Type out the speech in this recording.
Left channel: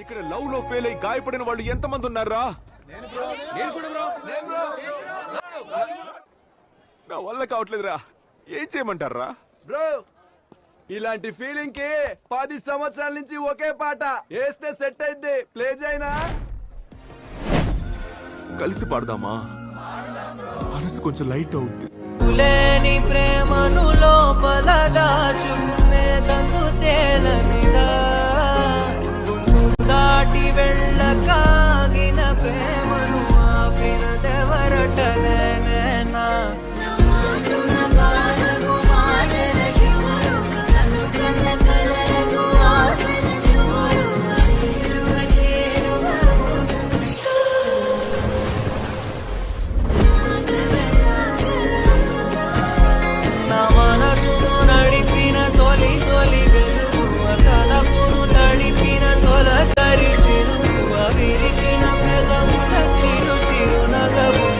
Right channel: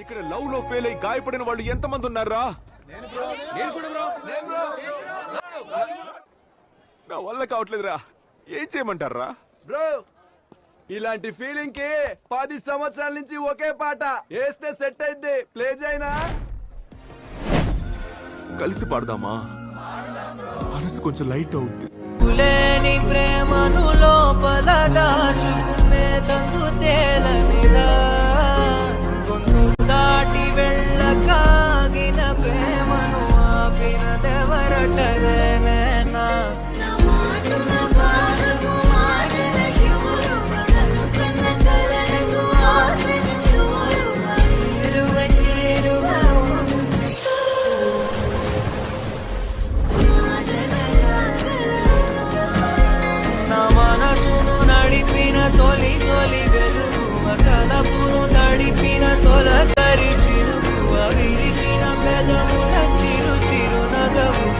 ఇక్కడ లవ్ లో ఫెయిల్ అయి గాయపడిన వాళ్ళు ఎంతమంది ఉన్నారా? నా వల్ల కావట్లేదురా, ఏం చేయమంటారా? బ్రో ఇలాంటి ఫీలింగ్ కి 10 సంవత్సరాల నుంచి ఒకే పాట వేస్తే సెట్ అయింది. ప్లే చేయనా? కలిసి పాడదామా? మనసు కొంచెం లైట్ అవుద్ది. లేని ప్రేమను లోపల దాచుకునే తందు తేలనిదా, గుండు దాటి వెళ్ళకాగిన ప్రేమను ఆపినదెవరటనేనా? మనసును నడిపిన తొలి తొలి వెలుగు, తలపును తడిపిన తొలకరి చిరుగు, విరిసిన పెదముల చిరు చిరు నగవు.